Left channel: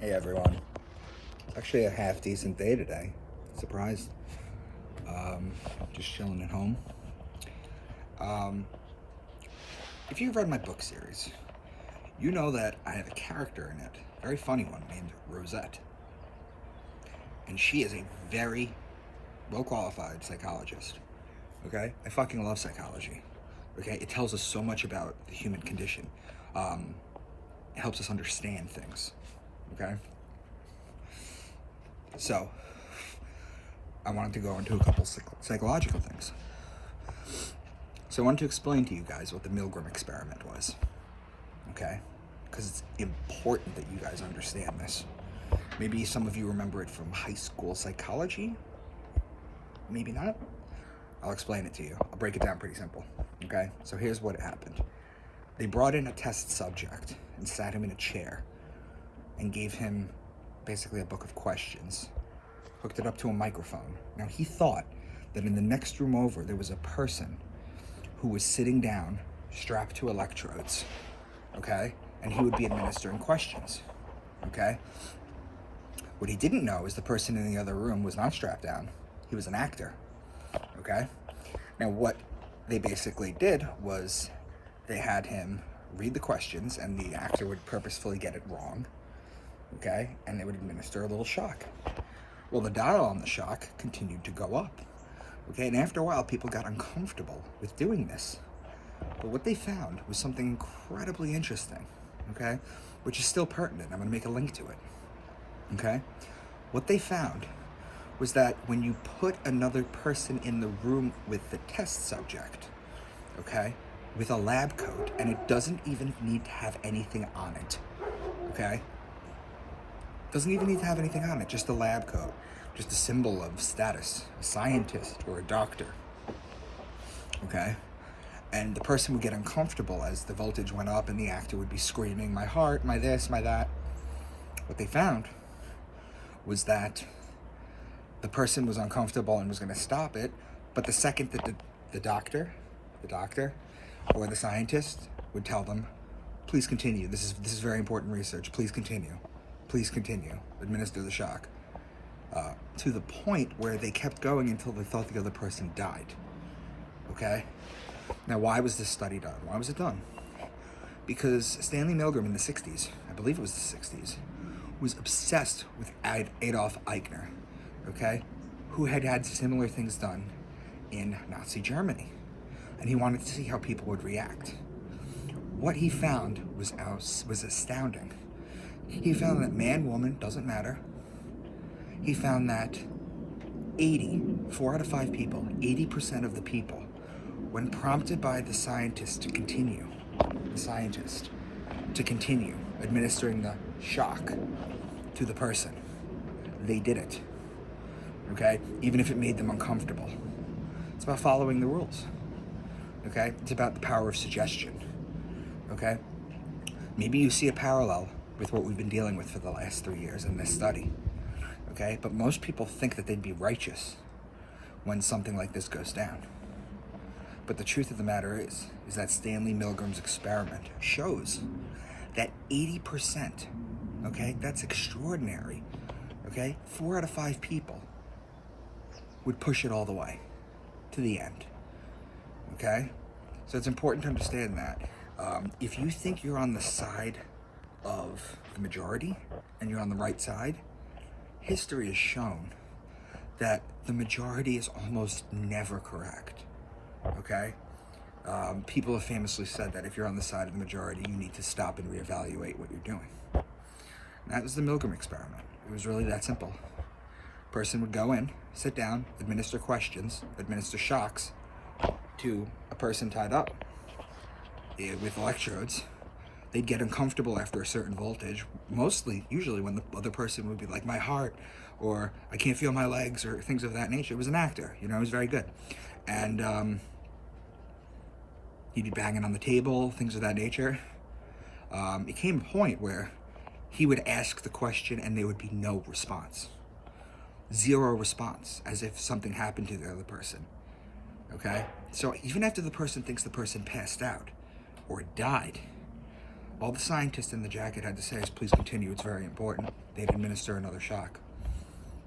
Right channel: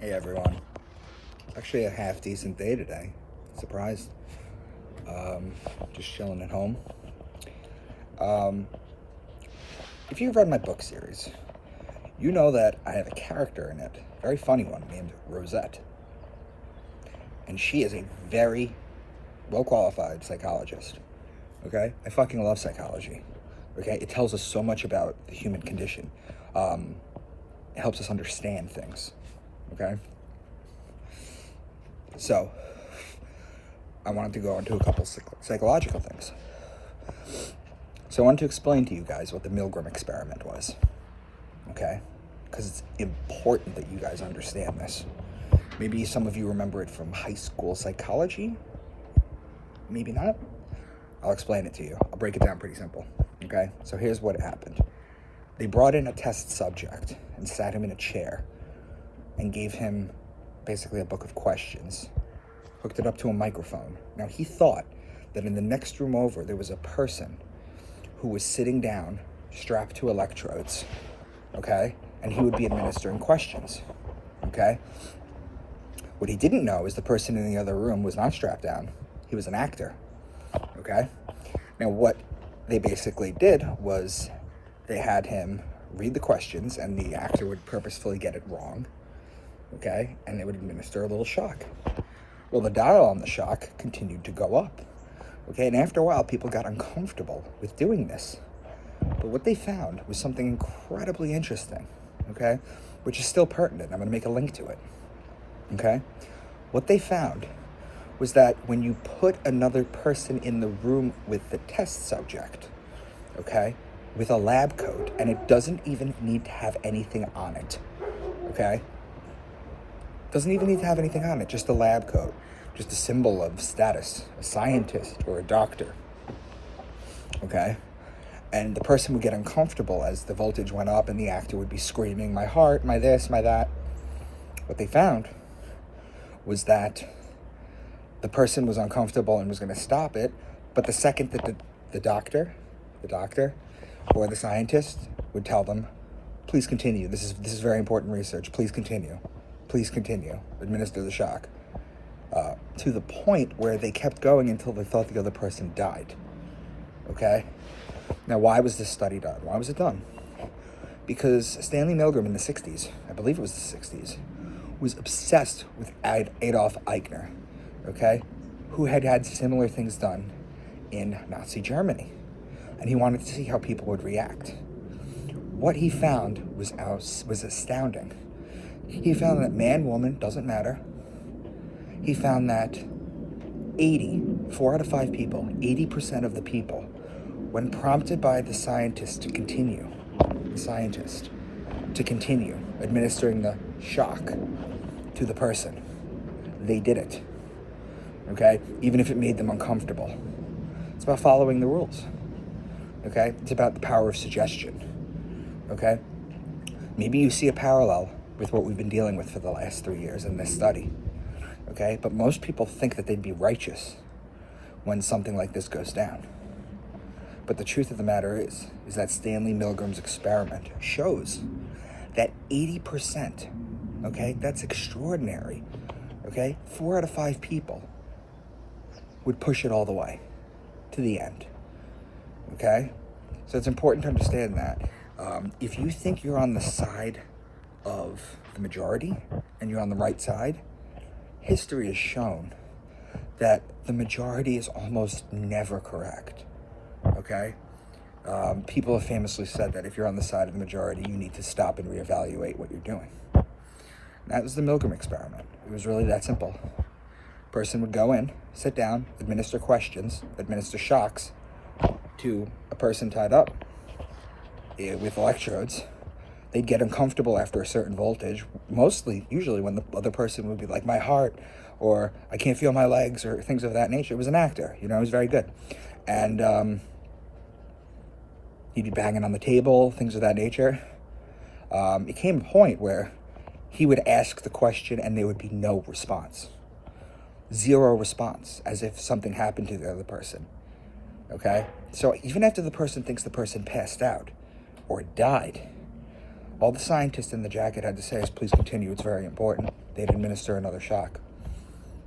Hey everyone. Actually a half decent day today. Surprised. Just chilling at home. If you've read my book series, you know that I have a character in it, a very funny one, named Rosette. And she is a very well qualified psychologist. Okay? I fucking love psychology. Okay? It tells us so much about the human condition. It helps us understand things. Okay? So, I wanted to go into a couple psychological things. So I wanted to explain to you guys what the Milgram experiment was, okay? Because it's important that you guys understand this. Maybe some of you remember it from high school psychology. Maybe not. I'll explain it to you. I'll break it down pretty simple, okay? So here's what happened. They brought in a test subject and sat him in a chair and gave him basically a book of questions, hooked it up to a microphone. Now, he thought that in the next room over, there was a person who was sitting down, strapped to electrodes, okay? And he would be administering questions, okay? What he didn't know is the person in the other room was not strapped down. He was an actor, okay? Now, what they basically did was they had him read the questions, and the actor would purposefully get it wrong, okay? And they would administer a little shock. Well, the dial on the shock continued to go up, okay? And after a while, people got uncomfortable with doing this. But what they found was something incredibly interesting, okay? Which is still pertinent. I'm going to make a link to it, okay? What they found was that when you put another person in the room with the test subject, okay, with a lab coat, and it doesn't even need to have anything on it, okay? Doesn't even need to have anything on it, just a lab coat, just a symbol of status, a scientist or a doctor, okay? And the person would get uncomfortable as the voltage went up and the actor would be screaming, my heart, my this, my that. What they found was that the person was uncomfortable and was going to stop it, but the second that the doctor or the scientist would tell them, please continue, this is very important research, please continue, administer the shock, to the point where they kept going until they thought the other person died, okay? Now, why was this study done? Why was it done? Because Stanley Milgram in the 60s, I believe it was the 60s, was obsessed with Adolf Eichner, okay, who had had similar things done in Nazi Germany. And he wanted to see how people would react. What he found was astounding. He found that man, woman, doesn't matter. He found that 4 out of 5 people, 80% of the people, when prompted by the scientist to continue administering the shock to the person, they did it, okay? Even if it made them uncomfortable. It's about following the rules, okay? It's about the power of suggestion, okay? Maybe you see a parallel with what we've been dealing with for the last 3 years in this study, okay? But most people think that they'd be righteous when something like this goes down. But the truth of the matter is that Stanley Milgram's experiment shows that 80%, okay, that's extraordinary, okay? 4 out of 5 people would push it all the way to the end, okay? So it's important to understand that. If you think you're on the side of the majority and you're on the right side, history has shown that the majority is almost never correct, okay? People have famously said that if you're on the side of the majority, you need to stop and reevaluate what you're doing. And that was the Milgram experiment. It was really that simple. Person would go in, sit down, administer questions, administer shocks to a person tied up with electrodes. They'd get uncomfortable after a certain voltage, usually when the other person would be like, my heart, or I can't feel my legs, or things of that nature. It was an actor, it was very good. And he'd be banging on the table, things of that nature. It came a point where he would ask the question and there would be no response. 0 response, as if something happened to the other person, okay? So even after the person thinks the person passed out or died, All the scientists in the jacket had to say is, please continue, it's very important. They'd administer another shock.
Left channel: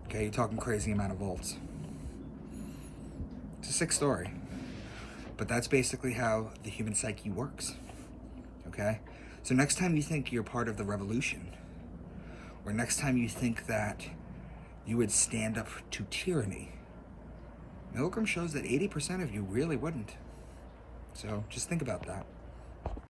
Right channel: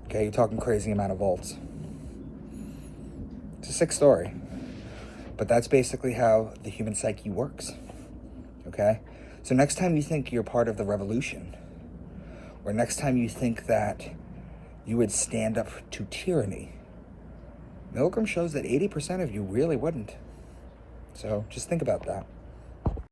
Okay, you're talking crazy amount of volts. It's a sick story. But that's basically how the human psyche works. Okay? So next time you think you're part of the revolution, or next time you think that you would stand up to tyranny, Milgram shows that 80% of you really wouldn't. So just think about that.